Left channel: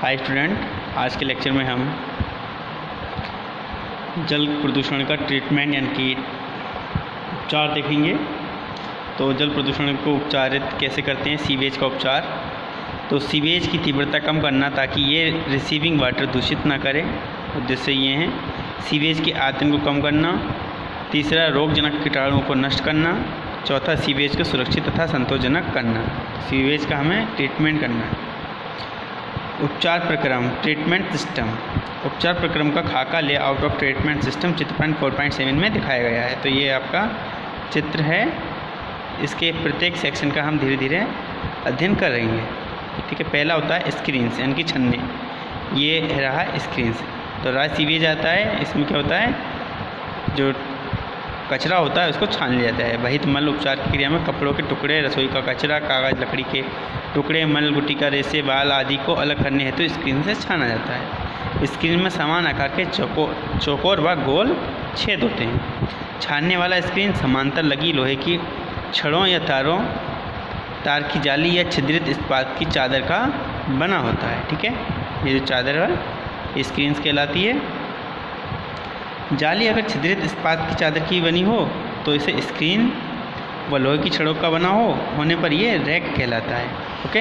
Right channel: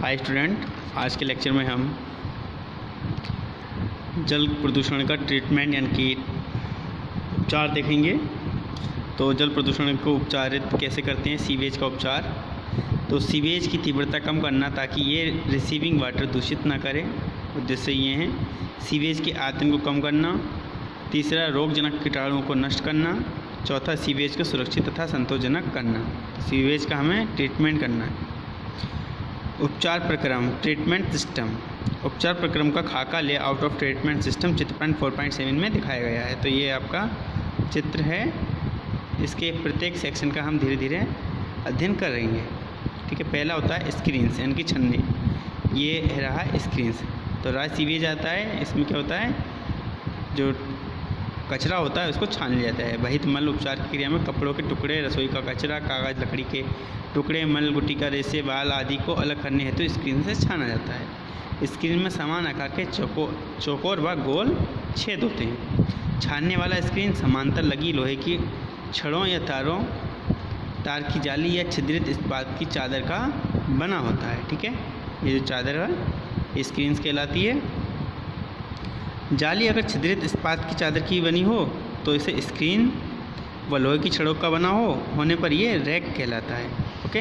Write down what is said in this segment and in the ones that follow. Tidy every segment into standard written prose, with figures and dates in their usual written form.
Hi student, आज के lecture में हम जल प्रदूषण का ट्रीटमेंट यानी कि उपचार देखेंगे। तो जल प्रदूषण को उपचारित कैसे करते हैं, सीवेज का उपचार। तो सीवेज की तीव्रता कम करना ताकि ये रिसीविंग वाटर दूषित ना करे, उद्देश्य ये हैं। सीवेज के आयतन को कम करना। तीसरा, रोगजनक कीटाणुओं को नष्ट करना। चौथा, सीवेज को सुरक्षित तथा संतोषजनक करना। सीवेज का हमें ट्रीटमेंट करना है। उपचार प्रक्रम, ट्रीटमेंट सिस्टम। उपचार प्रक्रम का खाका लेआउट ऑफ ट्रीटमेंट सिस्टम चित्र 4.7 में दिखाया गया है। तो ये आपका चित्र है, इसके प्रत्येक सेक्शन का हम धीरे धीरे अध्ययन करेंगे। ठीक है, पहला होता है स्क्रीन्स यानी कि छन्ने। ये रहा स्क्रीन्स। तो रहा सीवेज आता है, इसमें क्या होता है, जो कचरा होता है उसको छान लिया जाता है। वहित मल उपचार की क्रिया में कपड़ों के टुकड़े, रसोई का कचरा, कागज़, लकड़ी के टुकड़े, मल, गुटी का रेशे, बाल आदि को अलग करने हेतु स्क्रीन से छाना जाता है। स्क्रीन में समान आकार के चौकोर व गोल छेद होते हैं। छानने वाला स्क्रीन समांतर लगी लोहे की छड़ों या तार की जाली या छिद्रित इस्पात की चादर का बना होता है। ठीक है, ये जो चादर है स्क्रीन कहलाती है। जाली अगर छिद्रित इस्पात की चादर की बनी हो तो इसे स्क्रीन व लोहे की छड़ों का बना होने पर ये रैक कहलाता है। ओके,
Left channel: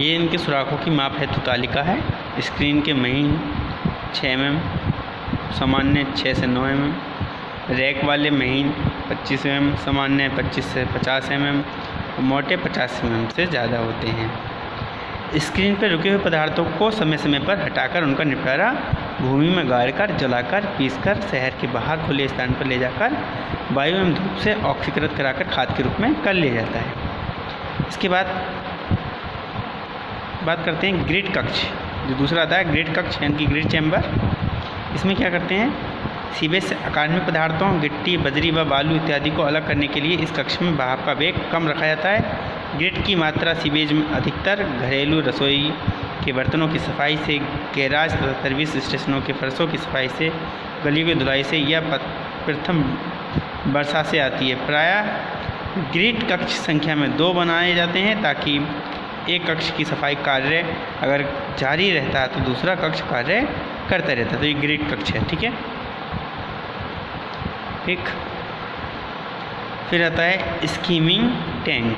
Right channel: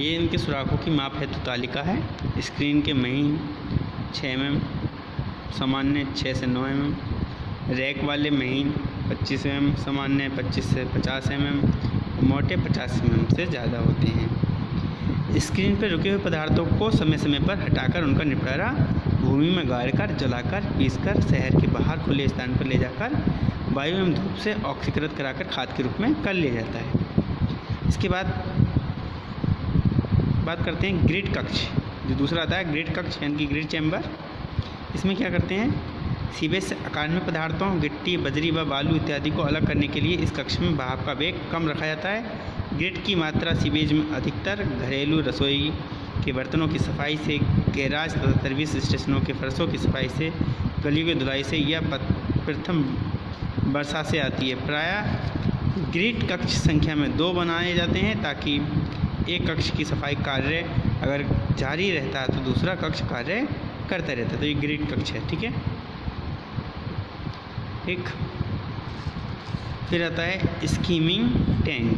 ये इनके सुराखों की माप हेतु तालिका है। स्क्रीन के महीन 6 mm, सामान्य 6 से 9 mm, रैक वाले महीन 25 mm, सामान्य 25 से 50 mm और मोटे 50 mm से ज़्यादा होते हैं। स्क्रीन पर रुके हुए पदार्थों को समय समय पर हटाकर उनका निपटारा भूमि में गाड़कर, जलाकर, पीसकर शहर के बाहर खुले स्थान पर ले जाकर वायु एवं धूप से ऑक्सीकृत कराकर खाद के रूप में कर लिया जाता है। इसके बाद बात करते हैं ग्रिड कक्ष। जो दूसरा आता है ग्रिड कक्ष यानी कि ग्रिड चैम्बर। इसमें क्या करते हैं, सीवेज से अकार्बनिक पदार्थों, गिट्टी, बजरी व बालू इत्यादि को अलग करने के लिए इस कक्ष में बहाव का वेग कम रखा जाता है। ग्रिड की मात्रा सीवेज में अधिकतर घरेलू रसोई के बर्तनों की सफाई से, गैराज तथा सर्विस स्टेशनों के फर्शों की सफाई से, गलियों की धुलाई से या प्रथम वर्षा से आती है। प्रायः ग्रिड कक्ष संख्या में 2 बनाए जाते हैं ताकि एक कक्ष की सफाई कार्य अगर जारी रहता है तो दूसरा कक्ष कार्य करता रहता है। तो ये ग्रिड कक्ष है। ठीक है, ठीक। फिर आता है स्कीमिंग टैंक।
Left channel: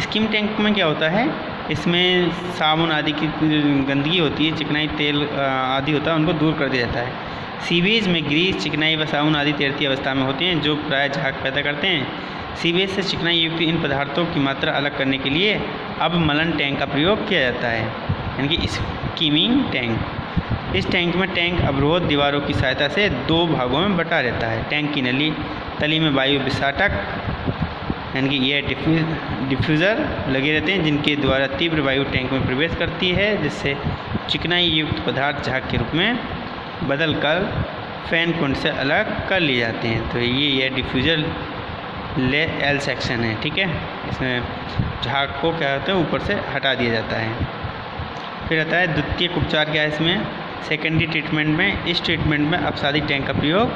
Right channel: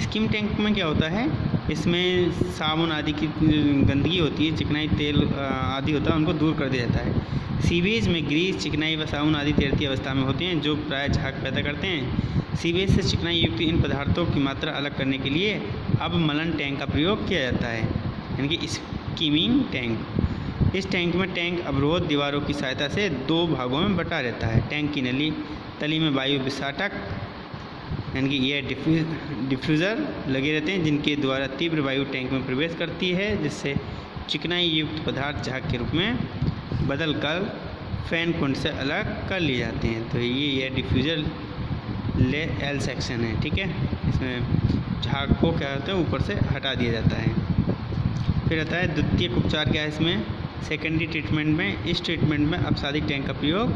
स्कीम टैंक में क्या होता है, इसमें साबुन आदि की गंदगी होती है, चिकनाई, तेल आदि होता है, उनको दूर कर दिया जाता है। सीवेज में ग्रीस, चिकनाई व साबुन आदि तैरती अवस्था में होते हैं जो प्राय झाग पैदा करते हैं। सीवेज से चिकनाई युक्त इन पदार्थों की मात्रा अलग करने के लिए अब मलन टैंक का प्रयोग किया जाता है यानी कि स्कीमिंग टैंक। इस टैंक में टैंक अवरोध दीवारों की सहायता से 2 भागों में बटा रहता है। टैंक की तली में वायु विसाटक यानी कि एयर डिफ्यूज़र लगे रहते हैं जिनके द्वारा तीव्र वायु टैंक में प्रवेश करती है, जिससे चिकनाई युक्त पदार्थ झाग के रूप में बदलकर फैन कुंड से अलग कर लिए जाते हैं। तो ये एयर डिफ्यूज़र एल सेक्शन है। ठीक है, इसमें झाग को क्या होता है ऊपर से हटा दिया जाता है। फिर आता है द्वितीयक उपचार। क्या है इसमें, सेकेंडरी ट्रीटमेंट में इस ट्रीटमेंट में अपसादी टैंक का प्रयोग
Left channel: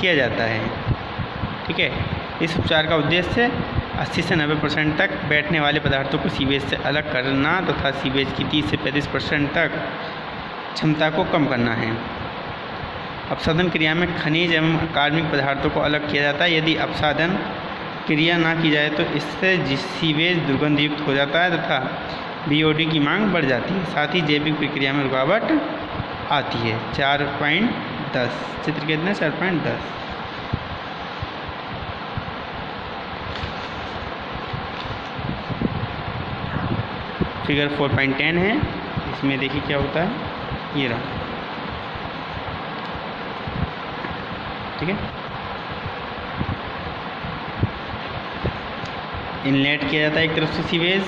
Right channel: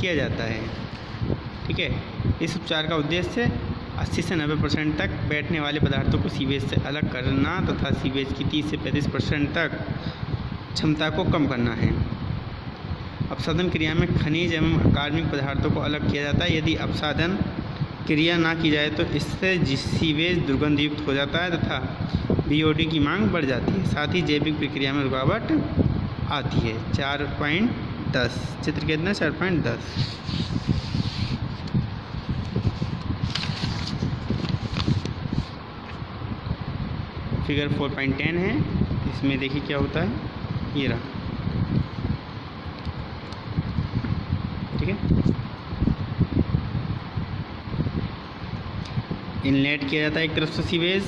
किया जाता है। ठीक है, इस उपचार का उद्देश्य 80 से 90% तक बैठने वाले पदार्थों को सीवेज से अलग करना तथा सीवेज की 30 से 35% तक क्षमता को कम करना है। अपसादन क्रिया में खनिज एवं कार्बनिक पदार्थों को अलग किया जाता है। यदि अपसादन क्रिया ना की जाए तो इससे सीवेज दुर्गंधयुक्त हो जाता है तथा बीओडी की मांग बढ़ जाती है। साथ ही जैविक प्रक्रिया में रुकावट आती है। 4.10 चित्र कितना 4.10। फिगर 4.10 है, इसमें देखिए क्या होता है, ये रहा। ठीक है, इनलेट किया जाता है एक तरफ से सीवेज,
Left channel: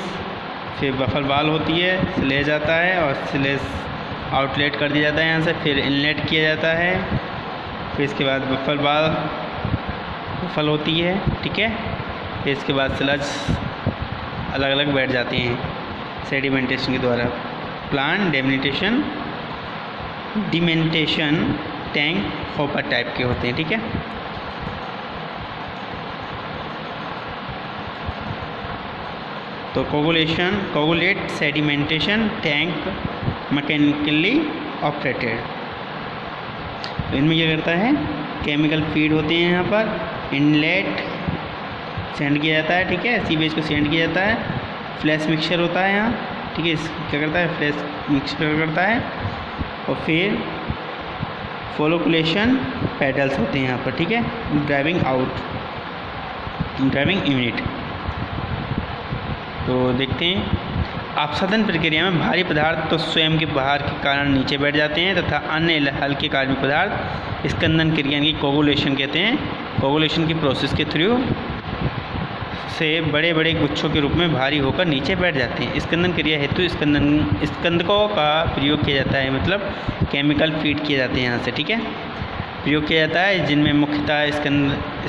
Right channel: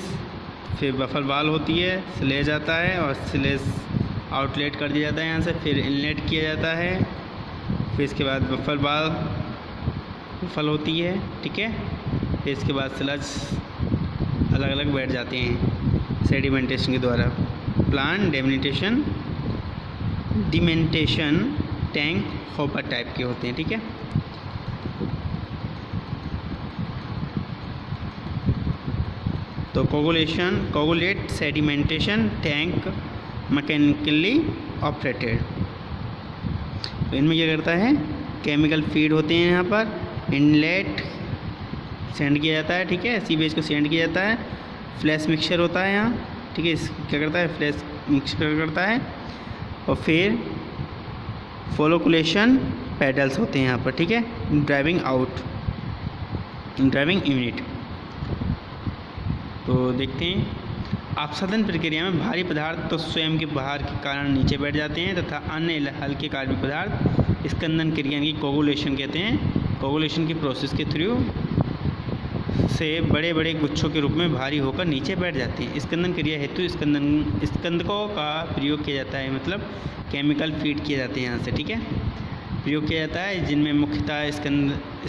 फिर बफर वाल होती है, स्लेज आता है और स्लेज आउटलेट कर दिया जाता है यहाँ से, फिर इनलेट किया जाता है, फिर इसके बाद बफल होती है। ठीक है, फिर इसके बाद स्लज अलग अलग बैठ जाती हैं सेडिमेंटेशन के द्वारा। प्लांट डिमेंटेशन टैंक हॉपर टाइप के होते हैं। ठीक है, तो coagulate sedimentation tank mechanically operated. तो इनमें क्या करता है, केमिकल फीड होते हैं यहाँ पर, इनलेट सेंड किया जाता है, ठीक है, सीवेज को सेंड किया जाता है, फ्लैश मिक्सचर होता है यहाँ, ठीक है, क्या करता है, फ्लैश मिक्सचर करता है, और फिर फोलोकुलेशन पेडल्स होते हैं यहाँ पर, ठीक है, ड्राइविंग यूनिट। तो देखते हैं, अपसादन प्रक्रिया में भारी पदार्थ तो स्वयं के भार के कारण नीचे बैठ जाते हैं तथा अन्य हल्के कार्बनिक पदार्थ स्कंदन क्रिया की कोगुलेशन कहते हैं, कोगुलेशन की प्रोसेस के थ्रू से बड़े बड़े गुच्छों के रूप में भारी होकर नीचे बैठ जाते हैं। स्कंदन क्रिया हेतु स्कंदकों का प्रयोग किया जाता है, मतलब केमिकल फीड किए जाते हैं यहाँ से, ठीक है, प्रयोग किया जाता है, जिनमें मुख्यतः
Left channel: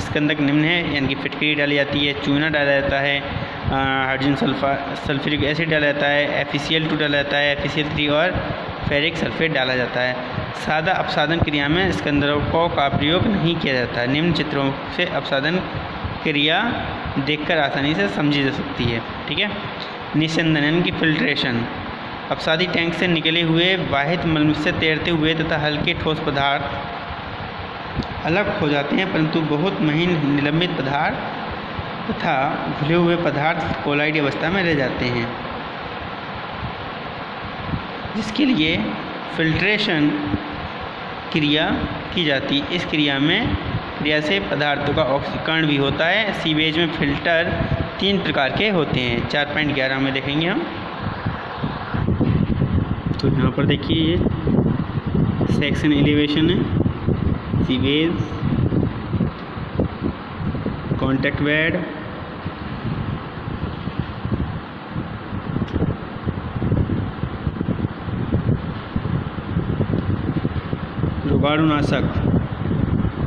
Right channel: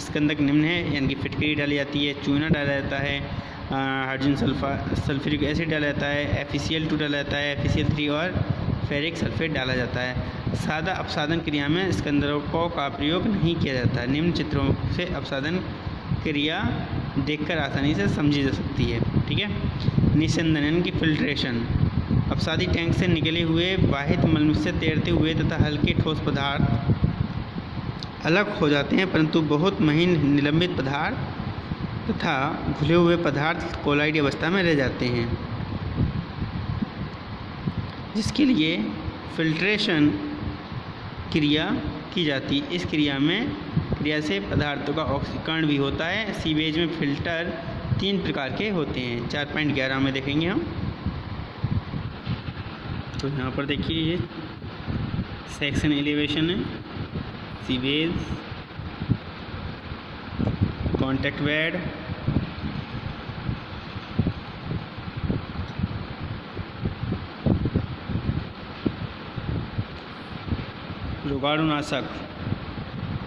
स्कंदक निम्न है, यानी कि फिटकरी डाली जाती है, चूना डाला जाता है, हाइड्रोजन सल्फ्यूरिक एसिड डाला जाता है, FeCl2 डाला जाता है, FeCl3 और फेरिक सल्फेट डाला जाता है। सादा अपसादन क्रिया में स्कंदकों का प्रयोग नहीं किया जाता। निम्न चित्रों से अपसादन क्रिया देखकर आसानी से समझी जा सकती है, ठीक है। निस्यंदन की फिल्ट्रेशन, अपसादी टैंक से निकले हुए वाहित मल से तैरते हुए तथा हल्के ठोस पदार्थ अलग हो जाते हैं, परंतु बहुत महीन निलंबित पदार्थ तथा घुले हुए पदार्थ कोलाइड अवस्था में रह जाते हैं, जिसके लिए फिल्ट्रेशन क्रिया की जाती है। इस क्रिया से पदार्थों का ऑक्सीकरण भी होता है। सीवेज में फिल्टर 3 प्रकार के होते हैं, 4.11 में देखेंगे हम। तो यहाँ पर देखिए, ये सेक्शन एलिवेशन है, सीवेज, कॉन्टैक्ट बेड,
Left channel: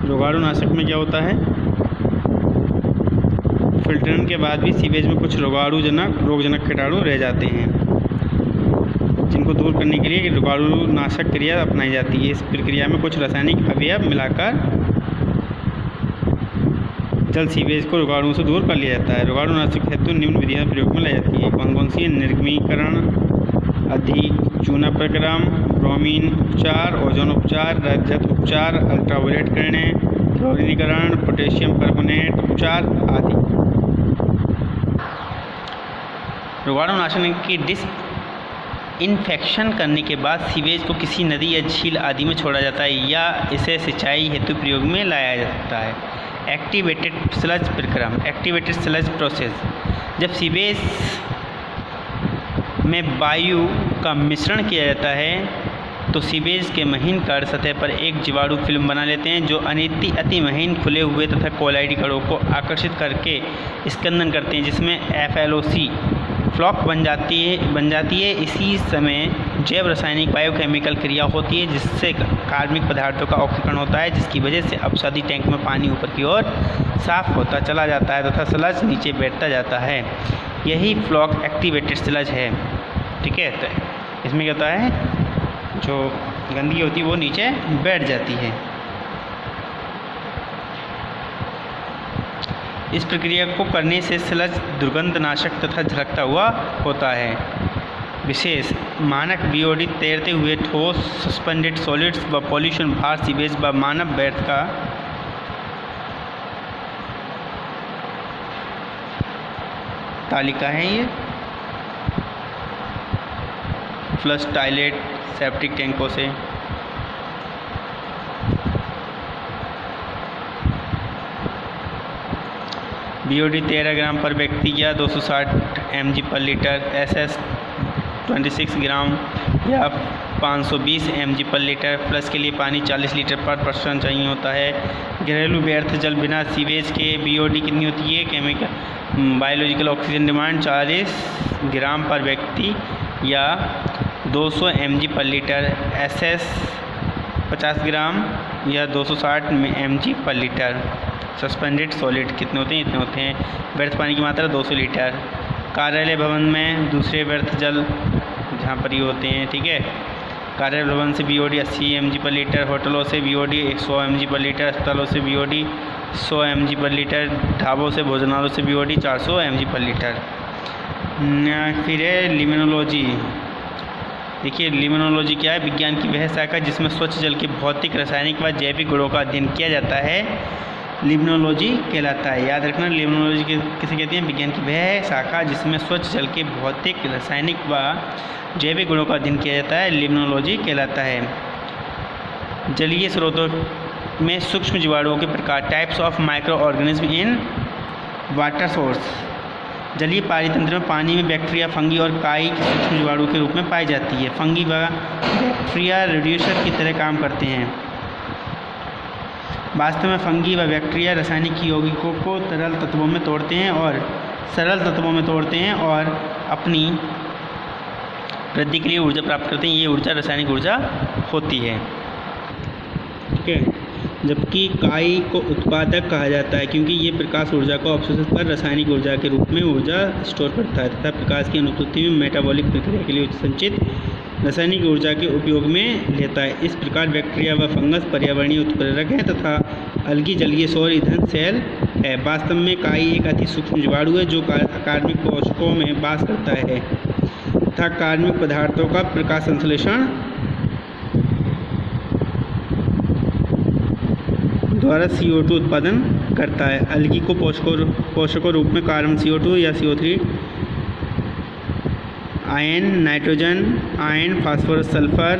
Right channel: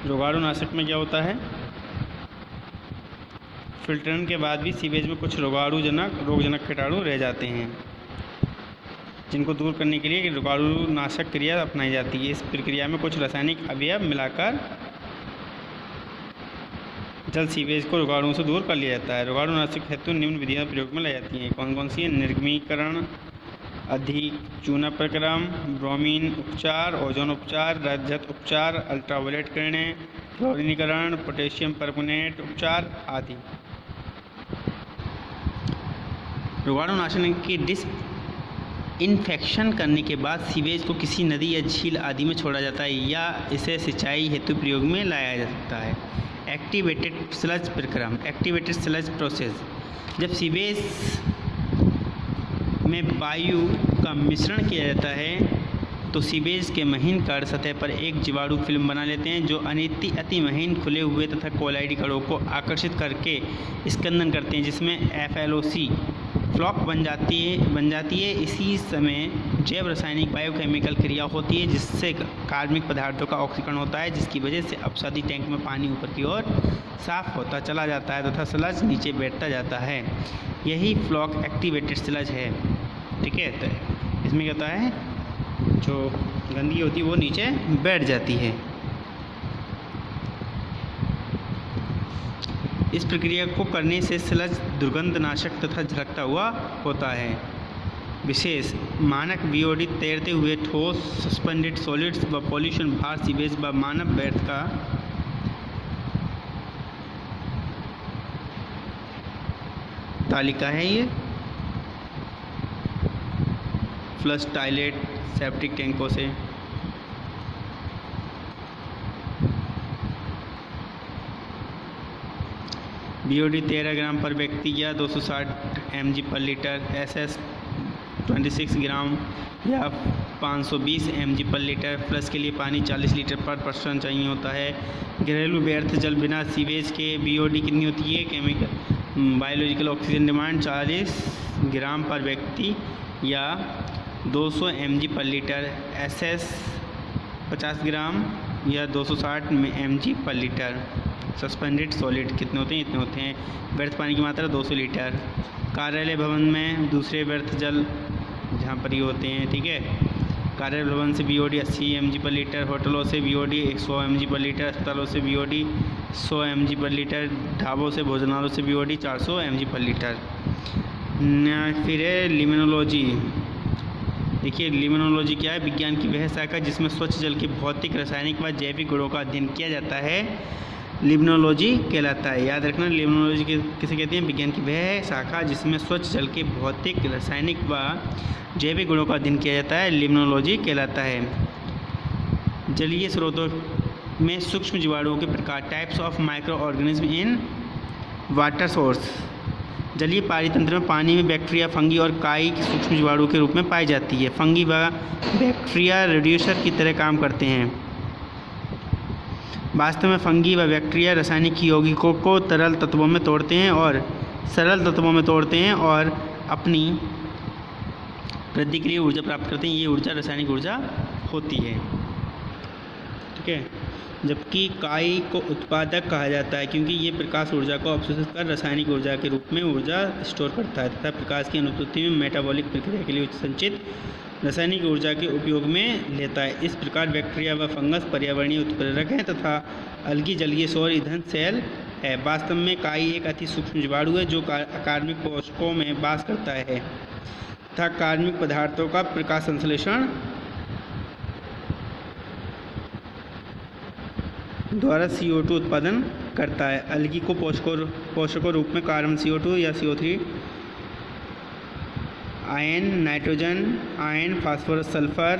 रोगाणुनाशक में क्या होता है, फिल्टरन के बाद भी सीवेज में कुछ रोगजनक कीटाणु रह जाते हैं, जिनको दूर करने के लिए रोगाणुनाशक क्रिया अपनाई जाती है। इस प्रक्रिया में कुछ रासायनिक अवयव मिलाकर जल सीवेज को रोगाणुओं से दूर कर लिया जाता है। रोगाणुनाशक हेतु निम्न विधियाँ प्रयोग में लाई जाती है। कौन सी है, निर्गमीकरण, अधिक चूना प्रक्रम, ब्रोमीन उपचार, ओजोन उपचार, रजत उपचार, अल्ट्रावायलेट किरणें, क्लोरीनीकरण, पोटेशियम परमोनेट उपचार आदि। रोगाणुनाशक की इन्फेक्शन करने के बाद सीवेज को किसी नदी या झील आदि में छोड़ा जाता है या इसे सिंचाई हेतु प्रयोग में लाया जा सकता है। एक्टिवेटेड स्लज प्रक्रम, एक्टिवेटेड स्लज प्रोसेस, जब सीवेज में वायु का मिश्रण किया जाता है तो सीवेज के महीन कण सतह पर एक जीवाणु फिल्म बना लेते हैं, जो अति महीन खुले हुए तथा कोलाइड कणों को आकर्षित करके स्कंदन करते हैं, जिसमें FLOC फ्लॉक बन जाती है। इसी समय जैव रासायनिक बायोकेमिकल क्रिया होती है, जिससे कार्बनिक पदार्थों का ऑक्सीकरण होता है, जिसकी वजह से अपसादी टैंक में पानी ऊपर की ओर साफ होता चला जाता है तथा स्लज नीचे बैठता जाता है। यही फ्लॉक एक्टिवेटेड स्लज है, ठीक है। तो इसमें क्या होता है, जो गंदगी होती है वो नीचे बैठ जाती है। इस प्रक्रिया को करने से स्लज दुर्गंधनाशक तथा झलकता हुआ होता है। विशेष मानक BOD तैरते हुए ठोस, सस्पेंडेड सॉलिड्स व पॉल्यूशन भार सीवेज व मानव व्यर्थ का तालिका है। ये फ्लश टॉयलेट सेप्टिक टैंकों से BOD 13 ग्राम पर व्यक्ति या 260 mg पर लीटर, SS 26 ग्राम या 520 mg पर लीटर। फ्लश के लिए पानी 40 लीटर पर पर्सन चाहिए होता है। घरेलू व्यर्थ जल बिना सीवेज के BOD कितनी होती है, केमिकल बायोलॉजिकल ऑक्सीजन डिमांड 40 ग्राम पर व्यक्ति या 200 mg पर लीटर। SS 50 ग्राम या 260 mg पर लीटर। सस्पेंडेड सॉलिड कितने होते हैं, इतने होते हैं। व्यर्थ पानी की मात्रा 200 लीटर। कार्यालय भवन में दूसरे व्यर्थ जल जहाँ पर ये होते हैं, ठीक है। कार्यालय भवन से BOD 80 mg पर लीटर। होटलों से BOD 100 mg पर लीटर। अस्पतालों से BOD 100 mg पर लीटर। ढाबों से भोजनालयों से BOD 400 mg पर लीटर। फिर है लिमिनोलॉजी। देखिए लिमिनोलॉजी क्या है, विज्ञान की वह शाखा जिसमें स्वच्छ जल के भौतिक, रासायनिक व जैविक गुणों का अध्ययन किया जाता है, लिमिनोलॉजी कहलाता है। याद रखना, लिमिनोलॉजी किसे कहते हैं, विज्ञान की वह शाखा जिसमें स्वच्छ जल के भौतिक, रासायनिक व जैविक गुणों का अध्ययन किया जाता है, लिमिनोलॉजी कहलाता है। जलीय स्रोतों में सूक्ष्म जीवाणुओं के प्रकार, types of micro organism in water source. जलीय पारितंत्र में पानी में बैक्टीरिया, फंगी और काई के सूक्ष्म जीवाणु के रूप में पाई जाती है। फंगी व बैक्टीरिया रेड्यूसर की तरह काम करते हैं। वास्तव में फंगी व बैक्टीरिया रासायनिक यौगिकों को तरल तत्वों में तोड़ते हैं और सरल तत्वों में तोड़ते हैं और अपनी वृद्धि के लिए ऊर्जा प्राप्त करते हैं। ये ऊर्जा रासायनिक ऊर्जा होती है। ठीक है, जबकि काई को उत्पादक कहा जाता है क्योंकि ये प्रकाश ऊर्जा को अवशोषित कर रासायनिक ऊर्जा के रूप में ऊर्जा स्टोर करता है तथा प्रकाश की अनुपस्थिति में मेटाबॉलिक प्रक्रिया के लिए संचित रासायनिक ऊर्जा के उपयोग में लेता है। इस प्रकार बैक्टीरिया व फंगस पर्यावरणीय उत्प्रेरक हैं तथा अलगी जलीय सौर ईंधन सेल है। वास्तव में काई एक अति सूक्ष्म जीवाणु है जो कार्बनिक पोषकों में वास करता है तथा कार्बनिक पदार्थों का प्रकाश संश्लेषण द्वारा CO2 उत्पादन करता है। अलगी को पोषकों रूप में कार्बन CO2 या CO3, ion, nitrogen ion, phosphorus, sulphur,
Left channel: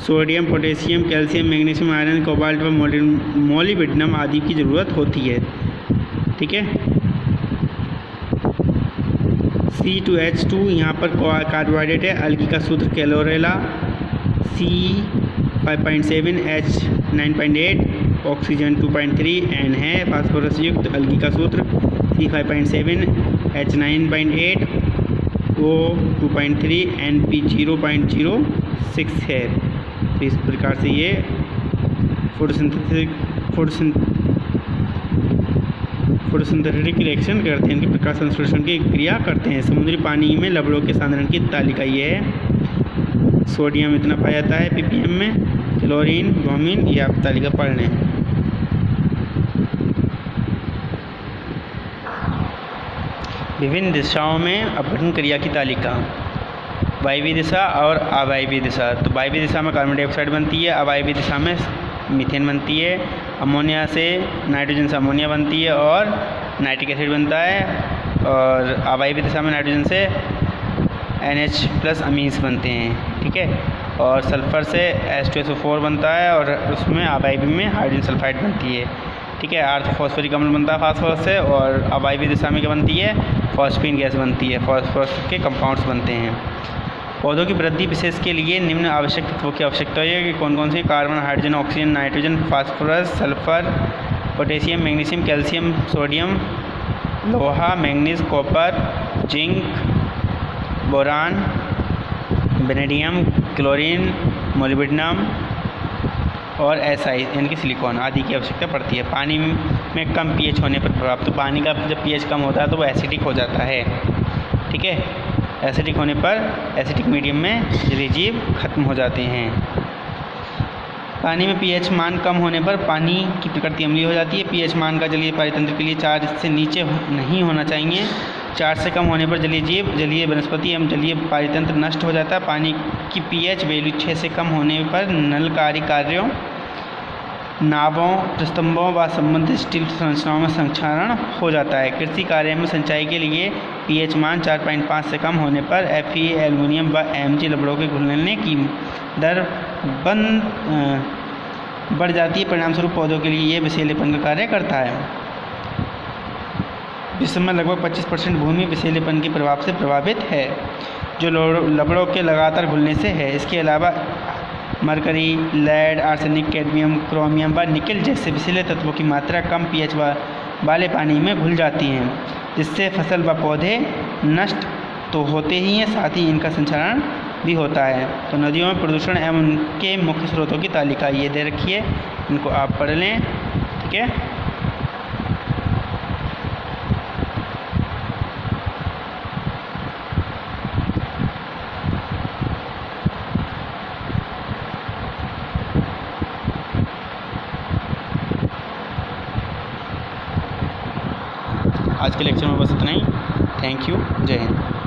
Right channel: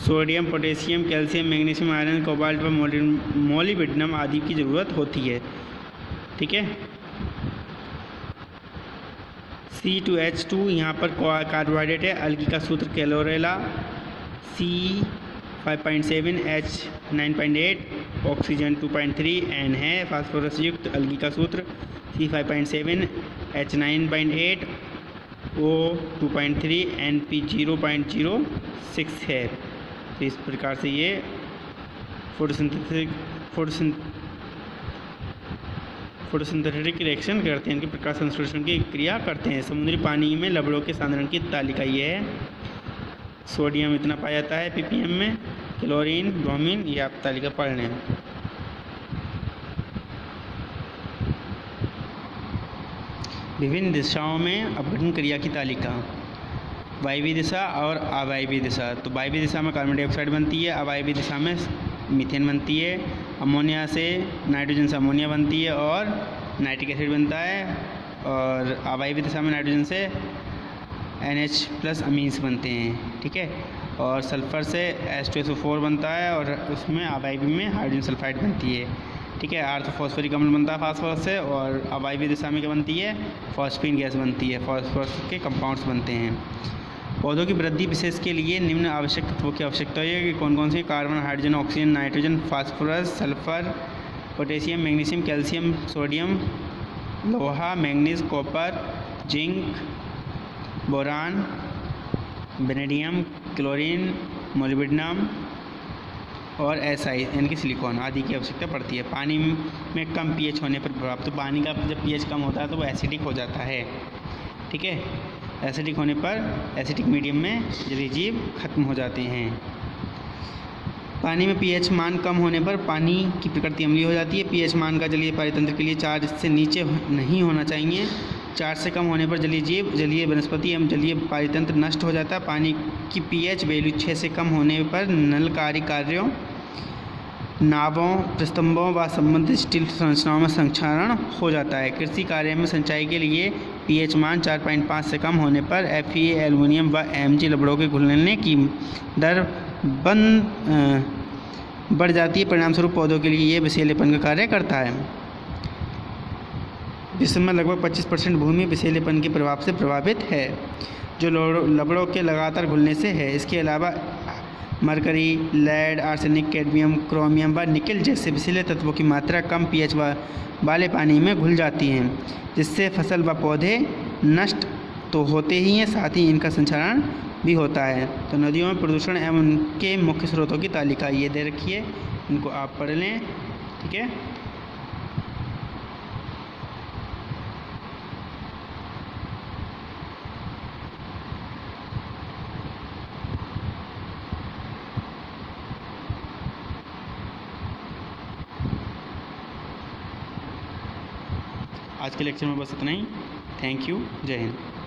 sodium, potassium, calcium, magnesium, iron, cobalt व मोलिब्डेनम आदि की ज़रूरत होती है। ठीक है, C2H2 यहाँ पर कार्बोहाइड्रेट है। अलगी का सूत्र chlorella, C5.7, H9.8, oxygen 2.3, N है। फास्फोरस युक्त अलगी का सूत्र C5.7, H9.8, O2.3, NP0.06 है। तो इस प्रकार से ये फोटोसिंथेटिक रिएक्शन करते हैं, इनकी प्रकाश संश्लेषण की क्रिया करते हैं। समुद्री पानी में लवणों के सांद्रण की तालिका ये है। सोडियम इतना पाया जाता है ppm में, क्लोरीन, ब्रोमीन, ये आप तालिका पढ़ लें। विभिन्न दिशाओं में अपघटन क्रिया की तालिका, वायवीय दिशा और अवायवीय दिशा। तो वायवीय दिशा में कार्बन डाइऑक्साइड बनती है, अवायवीय दिशा में मीथेन बनती है, अमोनिया से नाइट्रोजन से अमोनिया बनती है और नाइट्रिक एसिड बनता है, और अवायवीय दिशा में नाइट्रोजन से NH+ अमीन्स बनते हैं। ठीक है, और सल्फर से H2SO4 बनता है और उसमें अवायवीय में हाइड्रोजन सल्फाइड बनती है। ठीक है, आर्थ फॉस्फोरिक अम्ल बनता है फास्फोरस से, और अवायवीय दिशा में क्या बनती है, फॉस्फीन गैस बनती है, फॉस्फोरस के कंपाउंड्स बनते हैं। पौधों की वृद्धि विशेष के लिए निम्न आवश्यक तत्वों की आवश्यकता है कि कौन कौन से, carbon, hydrogen, oxygen, nitrogen, phosphorus, sulphur, potassium, magnesium, calcium, sodium, लोहा, manganese, copper, zinc, boron, vanadium, chlorine, molybdenum और SI यानी कि सिलिकॉन आदि की आवश्यकता पड़ती है। पानी में कम pH होने पर प्रभाव, तो पानी का जब pH कम होता है तो वो एसिडिक हो जाता है। ठीक है, एसिडिक होने पर एसिडिक मीडियम में जलीय जीव खत्म हो जाते हैं। पानी में pH मान कम होने पर पानी की प्रकृति अम्लीय हो जाती है। pH मान का जलीय पारितंत्र के लिए 4 से नीचे नहीं होना चाहिए। 4 से कम होने पर जलीय जीव, जलीय वनस्पति एवं जलीय पारितंत्र नष्ट हो जाता है। पानी की pH वैल्यू 6 से कम होने पर नलकारी कार्यों, नावों, प्रस्तंभों व संबंधित स्टील संरचनाओं में संक्षारण हो जाता है। कृषि कार्य में सिंचाई के लिए pH मान 4.5 से कम होने पर Fe, एल्युमिनियम व Mg लवणों के घुलने की दर बढ़ जाती है। परिणामस्वरूप पौधों के लिए ये विषैलेपन का कार्य करता है। विश्व में लगभग 25% भूमि विषैलेपन के प्रभाव से प्रभावित है, जो लवणों के लगातार घुलने से है। इसके अलावा mercury, lead, arsenic, cadmium, chromium व निकेल जैसे विषैले तत्वों की मात्रा कम pH वाले पानी में घुल जाती हैं, जिससे फसल व पौधे नष्ट तो होते ही हैं, साथ ही इनका संचारण भी होता है। तो नदियों में प्रदूषण एवं उनके मुख्य स्रोतों की तालिका ये दे रखी है, इनको आप पढ़ लें। ठीक है, आज के लेक्चर में बस इतना ही। Thank you. जय हिंद।